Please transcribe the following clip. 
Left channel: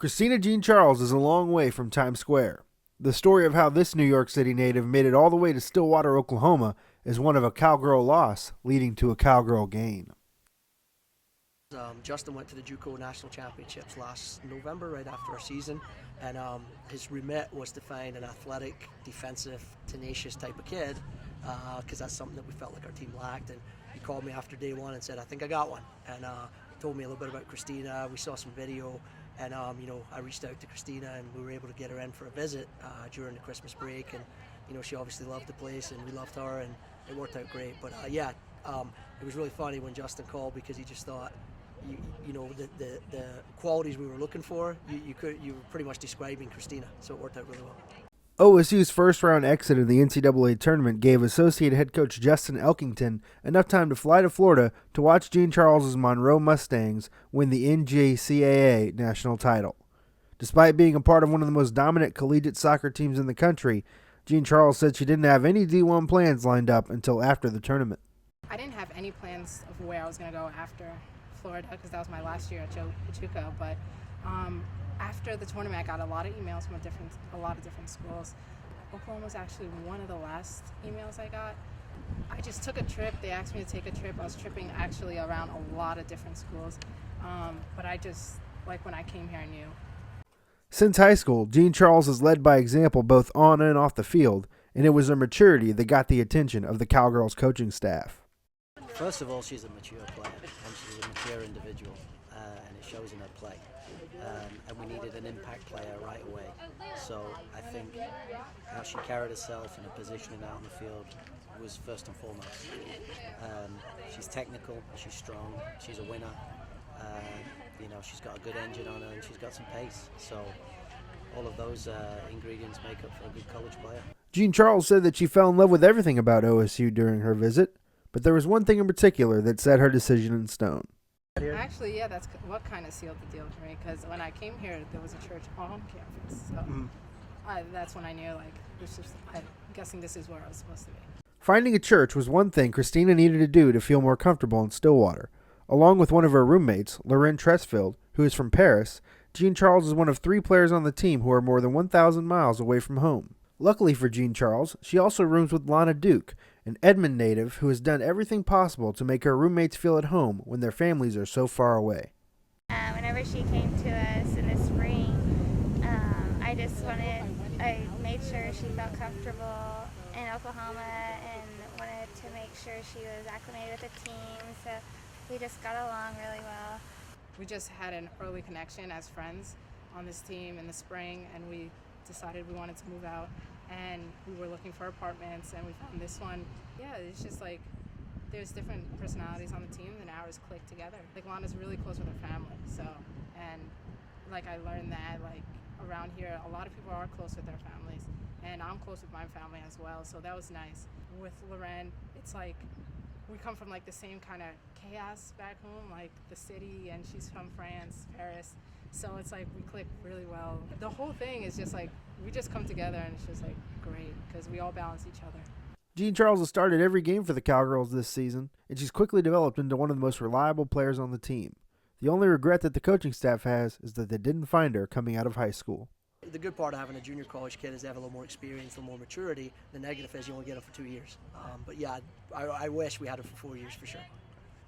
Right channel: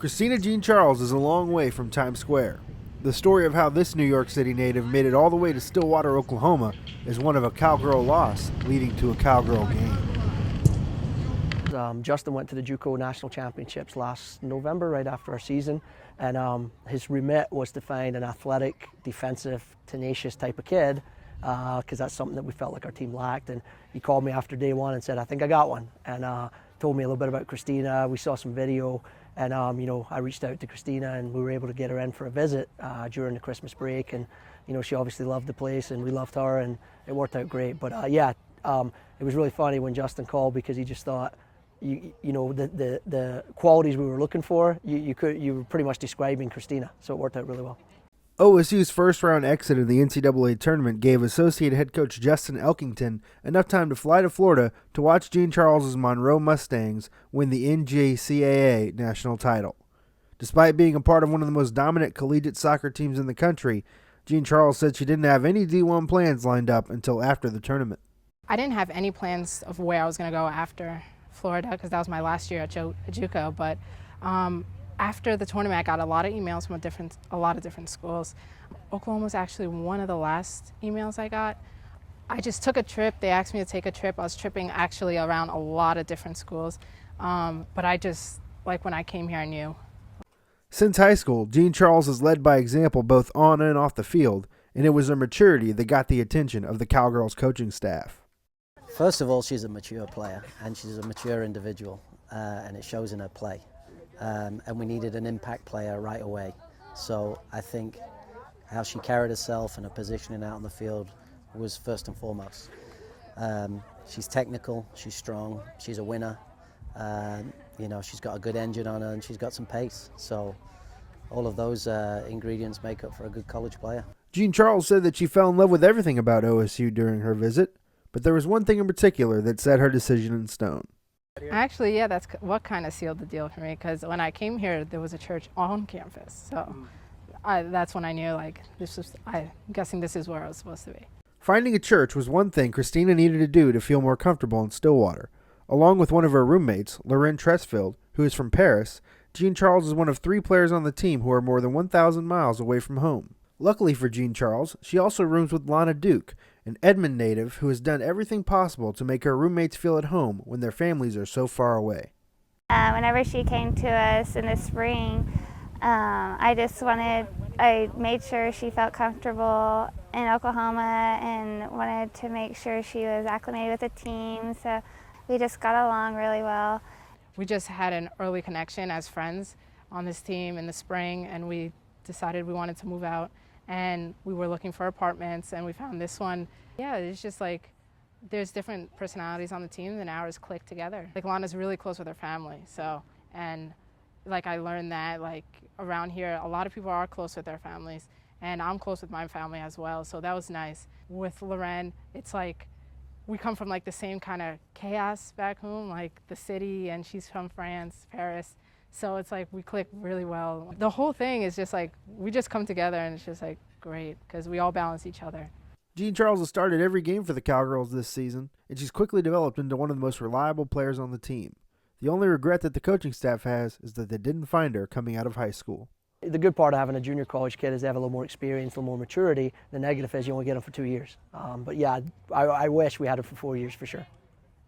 Christina Jean-Charles is a long way from Times Square. The story of how this New York City native made it all the way to Stillwater, Oklahoma is one of a cowgirl loss leading to a cowgirl gain. Justin went to the JUCO National Championships last November, right after our season, and his remit was to find an athletic, defensive, tenacious type of kid, because that's something that we felt like our team lacked. And he called me after day one and said, "I think I got one," and told me a little bit about Christina. We saw some video, and I reached out to Christina, and we were able to get her in for a visit during the Christmas break. And she obviously loved the place, and we loved her, and it worked out great. But it was really funny when Justin called, because he just thought, the qualities we were looking for, you were pretty much describing Christina, so it worked out really well. OSU's first-round exit in the NCAA tournament gave Associate Head Coach Justin Elkington enough time to fly to Florida to watch Jean-Charles' Monroe Mustangs win the NJCAA national title. Despite being a part of one of the most dominant collegiate soccer teams in the country, Jean-Charles said she didn't have any D1 plans lined up until after the tournament. I didn't have any plans of where I was going to go after Florida, because that was my last year at JUCO, but after the tournament, I got a lot of emails from a lot of different schools. Oklahoma was actually one of the last emails I got. I just took a trip. They asked me to take a trip. I was tripping actually around a lot of different schools, but I just, when I came here, I knew. Since high school, Jean-Charles has led by example both on and off the field, and it was her maturity that got the attention of the Cowgirls coaching staff. First of all, she's a mature player, and she's a mature individual, and it shows in her play. And we needed an impact player right away. So I think how she carried herself and her positioning out on the field was first and foremost. She's technical, she's strong, she's a winner. She's got a good engine on her, and she's got some pace. So all of those ingredients make up for a good college player. Jean-Charles said that she fell in love with everything about OSU during her visit, but there was one thing in particular that set her decision in stone. Actually, yeah, that's what kind of sealed the deal for me, because when I came here, there was a church on campus. So that's when I knew, I'm guessing this is where I was supposed to be. Finding a church was one thing Christina needed to do to feel more comfortable in Stillwater. Along with one of her roommates, Lauren Tresfield, who is from Paris, Jean-Charles is one of 3 players on the team who are more than 1,000 miles away from home. Luckily for Jean-Charles, she also rooms with Lana Duke, an Edmond native who has done everything possible to make her roommates feel at home when their families are so far away. Whenever she came to us in the spring, I made sure she felt comfortable in Oklahoma and wanted to make sure she was acclimated with the team, so we just got along really well. We just had an early connection as friends on this team in the spring, and we decided we wanted to move out. And we were looking for apartments, and we found this one. Yeah, it's just there's different personalities on the team, and ours click together. Lana's really close with her family, so, and I learned that around here, a lot of people are close with their families, and I'm close with my family as well, so that was nice. With Lauren, it's we come from the same kind of chaos back home, the city, and she's from France, Paris. So it's we click really well. The whole thing is just we just come together, and it's just great, because we all balance each other. Jean-Charles has started every game for the Cowgirls this season, and she's quickly developed into one of the most reliable players on the team. The only regret that the coaching staff has is that they didn't find her coming out of high school. The good part of having a junior college kid is they have a little more experience, a little more maturity. The negative is you only get them for 2 years. But yeah, I wish we had her for 4 years for sure.